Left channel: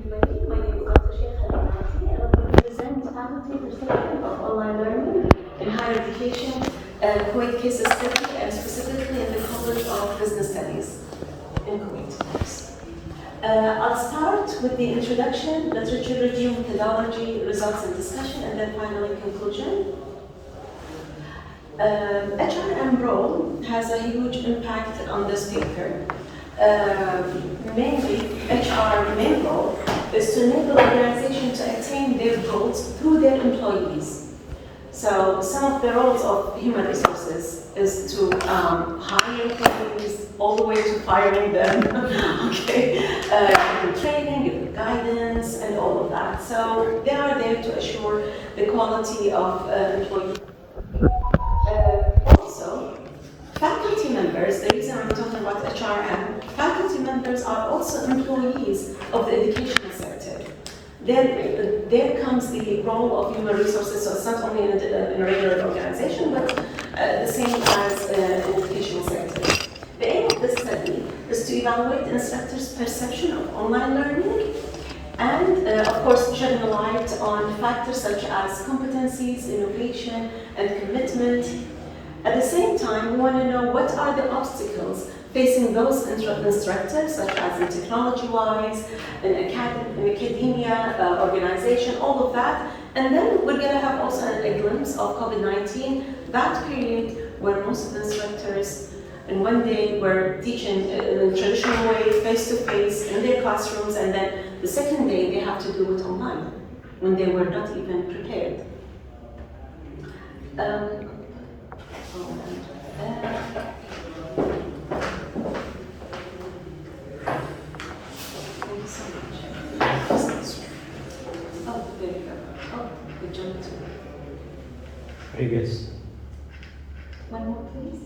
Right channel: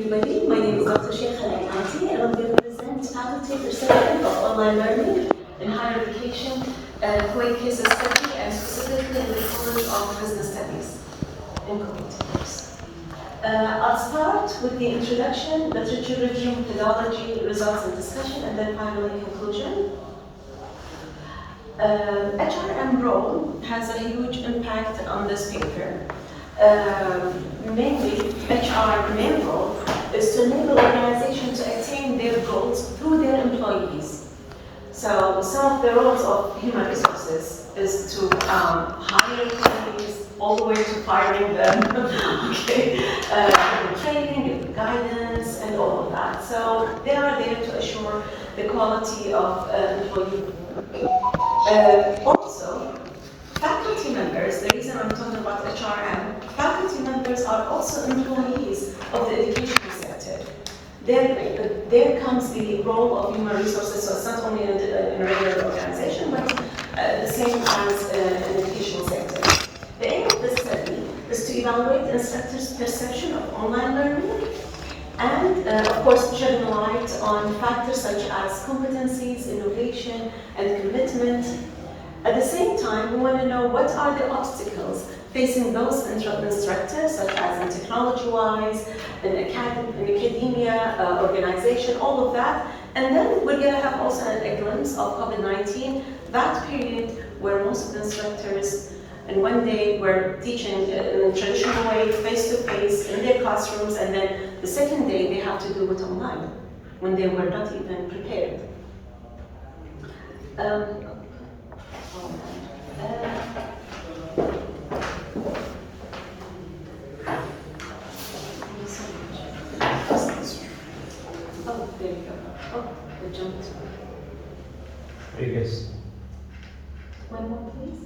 everybody. My name is Dr. Shaikhah Alainati, and I'm going to present faculty perception of online learning in higher education, Kuwait Case Study, and specifically in the College of Business Studies in Kuwait. I'll start with the introduction, literature review, methodology, results and discussion, and then finally conclusion. HRM role has a huge impact on this paper. Mainly, HR main role is to enable organizations to attain their goals through their employees. So some of the roles of human resources is to hire employees all the way to firing them, okay, training, guidance, and all of that. So they are there to assure the quality of employee. Also, faculty members, the reason I'm talking about HRM, faculty members are also employees of the education sector. There comes the role of human resources, so it's not only in a regular organization, but the same as in the educational sector. The aim of this study is to evaluate instructors' perception of online learning and, of course, shed a light on factors such as competencies, innovation, and commitment. At the same time, we want to know what are the obstacles facing those instructors, such as in technology-wise, in academia, organization, all of that. And then we're going to have also a glimpse of COVID-19, that period where most of the instructors, and when they were teaching in a traditional way, face-to-face, in their classrooms, and then the second day they have to do it online, when they were not even prepared. Previous. One more, please.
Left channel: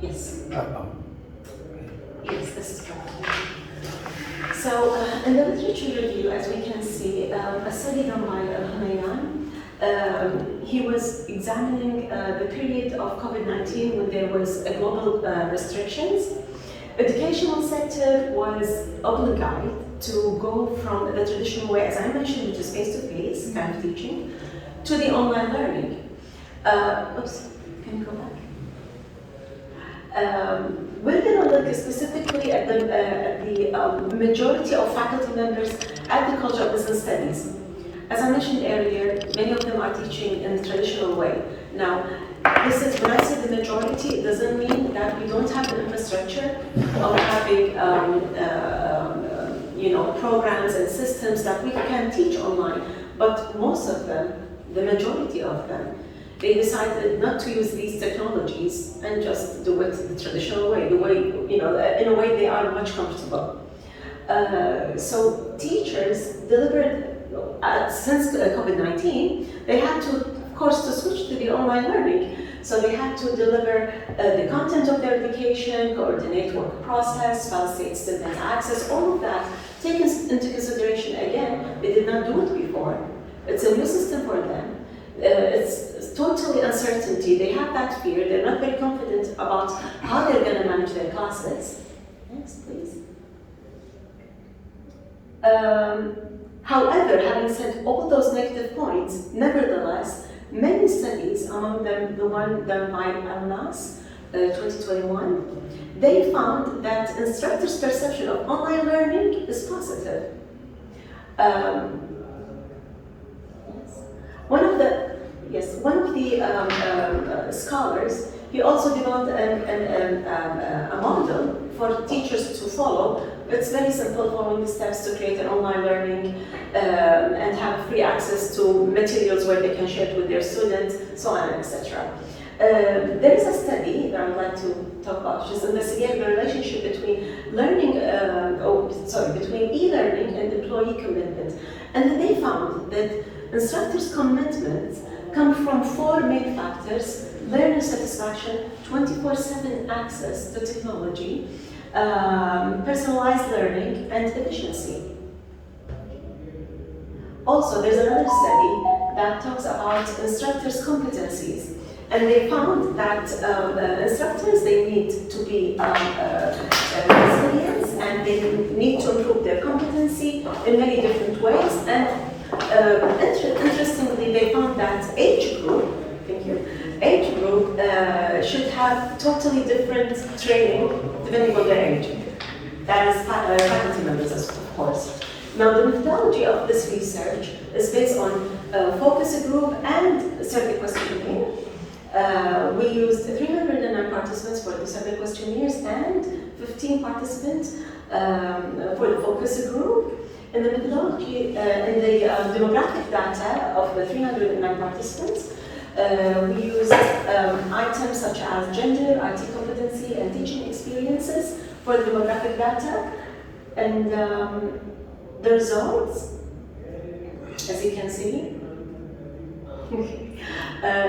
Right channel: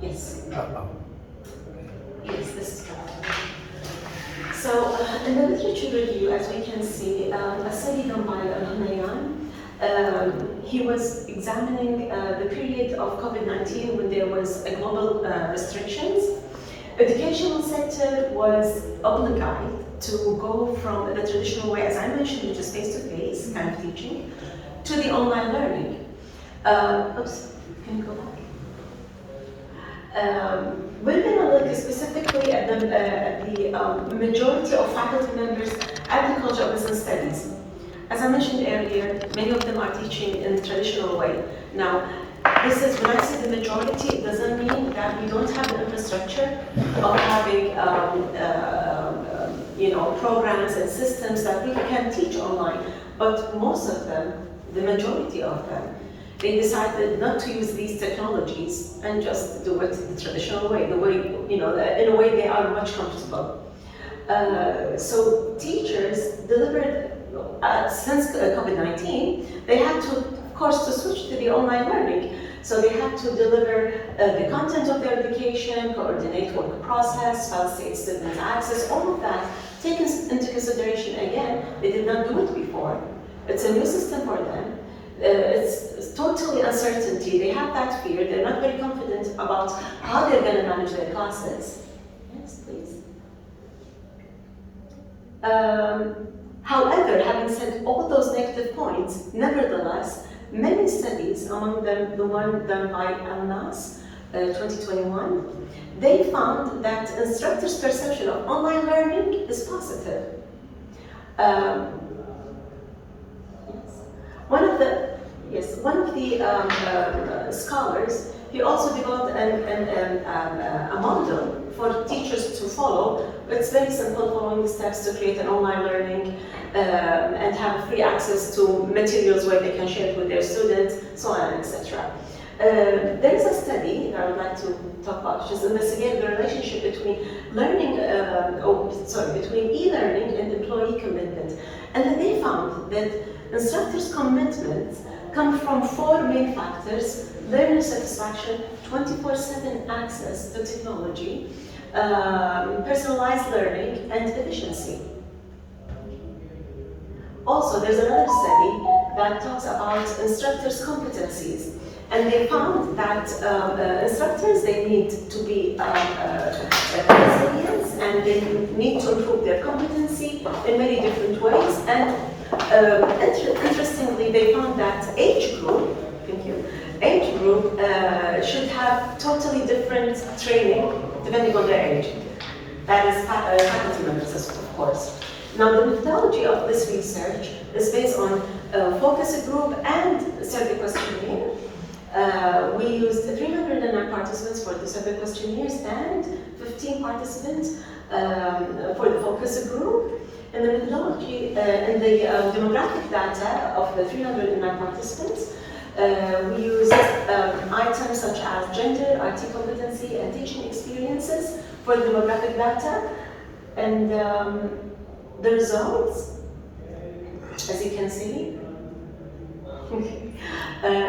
Yes. Yes, this is correct. So, in the literature review, as we can see, a study done by he was examining the period of COVID-19 when there was a global restrictions. Educational sector was obliged to go from the traditional way, as I mentioned, which is face-to-face kind of teaching, to the online learning. Oops, can you go back? We're going to look specifically at the majority of faculty members at the College of Business Studies. As I mentioned earlier, many of them are teaching in the traditional way. Now, this is, when I say the majority, it doesn't mean that we don't have the infrastructure of having programs and systems that we can teach online. But most of them, the majority of them, they decided not to use these technologies and just do it the traditional way, the way, in a way they are much comfortable. So teachers delivered, since COVID-19, they had to, of course, to switch to the online learning. So they had to deliver the content of their education, coordinate work process, facilitate student access, all of that taken into consideration. Again, they did not do it before. It's a new system for them. It's totally uncertainty. They have that fear. They're not very confident about how they're going to manage their classes. Next, please. However, having said all those negative points, nevertheless, many studies, among them the one done by MAHSA 2021, they found that instructors' perception of online learning is positive. One of the scholars, he also developed a model for teachers to follow. It's very simple, following the steps to create an online learning and have free access to materials where they can share it with their students, so on, etc. There is a study that I would like to talk about, which is investigating the relationship between learning, between e-learning and employee commitment. And then they found that instructors' commitments come from four main factors: learner satisfaction, 24/7 access to technology, personalized learning, and efficiency. Also, there's another study that talks about instructors' competencies. And they found that instructors, they need to be resilient and and they need to improve their competency in many different ways. And interestingly, they found that age group, should have totally different training depending on their age. That is faculty members, of course. Now, the methodology of this research is based on focus group and survey questionnaire. We used 309 participants for the survey questionnaires and 15 participants for the focus group. In the methodology, in the demographic data of the 309 participants, we used items such as gender, IT competency, and teaching experiences for the demographic data. And the results, as you can see,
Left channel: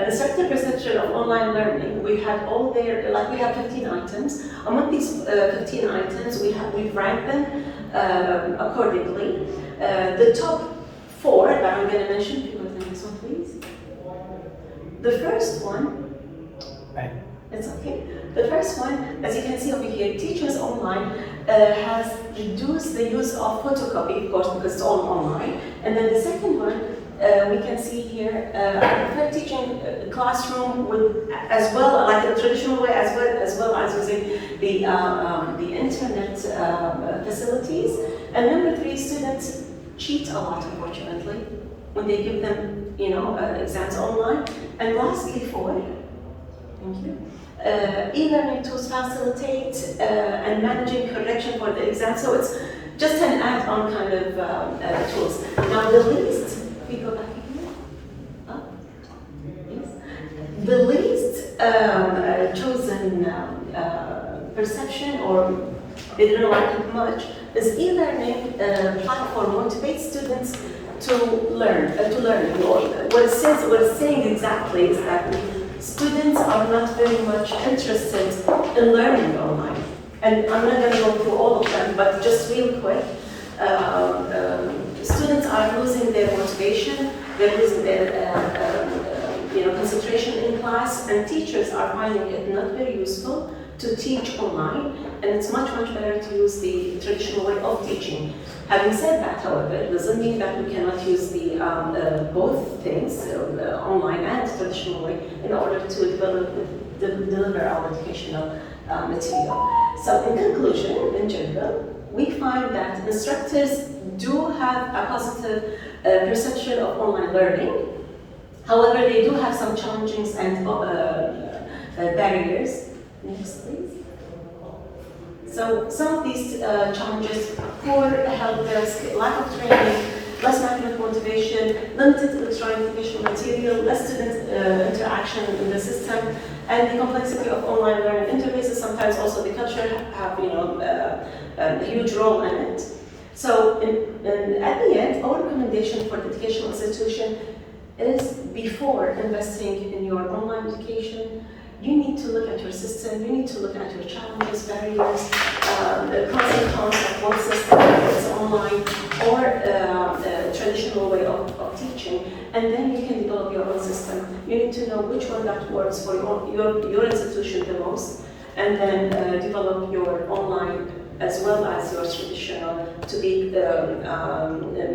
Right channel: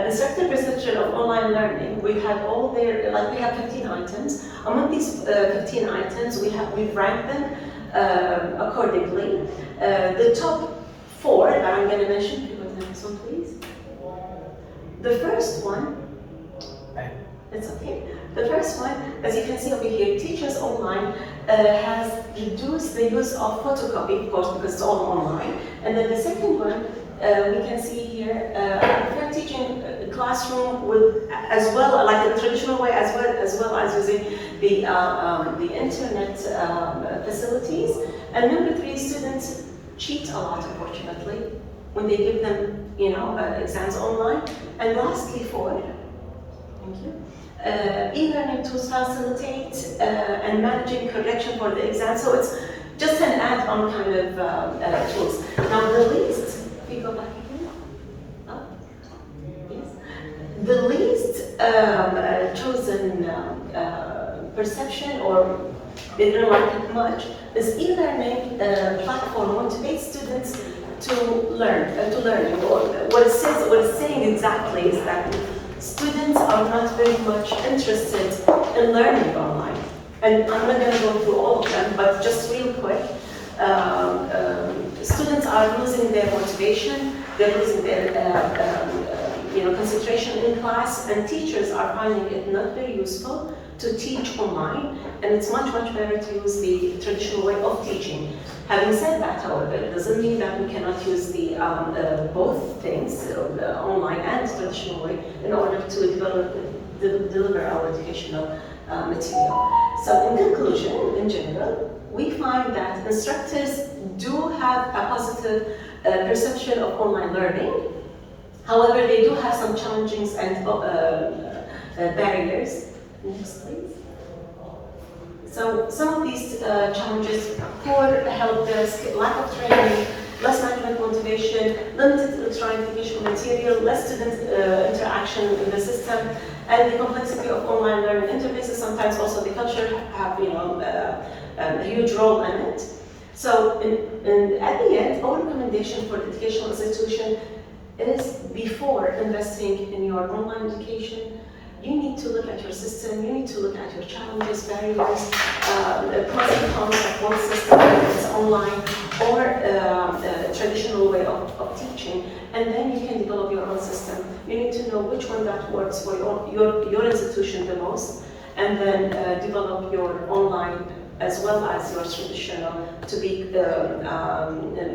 instructor perception of online learning, we had all their, like we have 15 items. Among these 15 items, we've ranked them accordingly. The top 4 that I'm going to mention, if you go to the next one, please. The first one, it's okay. The first one, as you can see over here, Teachers Online has reduced the use of photocopy, of course, because it's all online. And then the second one, we can see here, for teaching classroom with, as well, like the traditional way, as well as using the internet facilities. And number 3, students cheat a lot, unfortunately, when they give them, exams online. And lastly, 4, thank you. E-learning tools facilitate and managing correction for the exam. So it's just an add-on kind of tools. Now the least, if we go back again, yes. The least chosen perception, or they didn't like it much, is e-learning platform motivates students to learn, learning. Or what it saying exactly is that students are not very much interested in learning online. And I'm not going to go through all of them, but just real quick, students are losing their motivation, they're losing their concentration in class, and teachers are finding it not very useful to teach online, and it's much better to use the traditional way of teaching. Having said that, however, it doesn't mean that we cannot use the both things, online and traditional way, in order to deliver our educational material. So in conclusion, in general, we find that instructors do have a positive perception of online learning. However, they do have some challenges and barriers. Next, please. So some of these challenges: poor help desk, lack of training, less management motivation, limited electronic educational material, less student interaction in the system, and the complexity of online learning interfaces. Sometimes also the culture have a huge role in it. So at the end, our recommendation for the educational institution is, before investing in your online education, you need to look at your system, you need to look at your challenges, barriers, pros and cons of both systems, whether it's online or traditional way of teaching, and then you can develop your own system. You need to know which one that works for your institution the most, and then develop your online as well as your traditional to be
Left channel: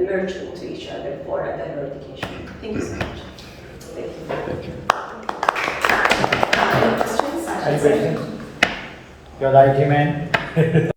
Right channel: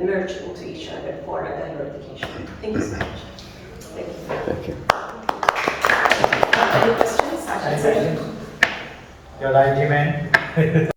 merged into each other for a better education. Thank you so much. Thank you. Thank you. Any questions? Your argument.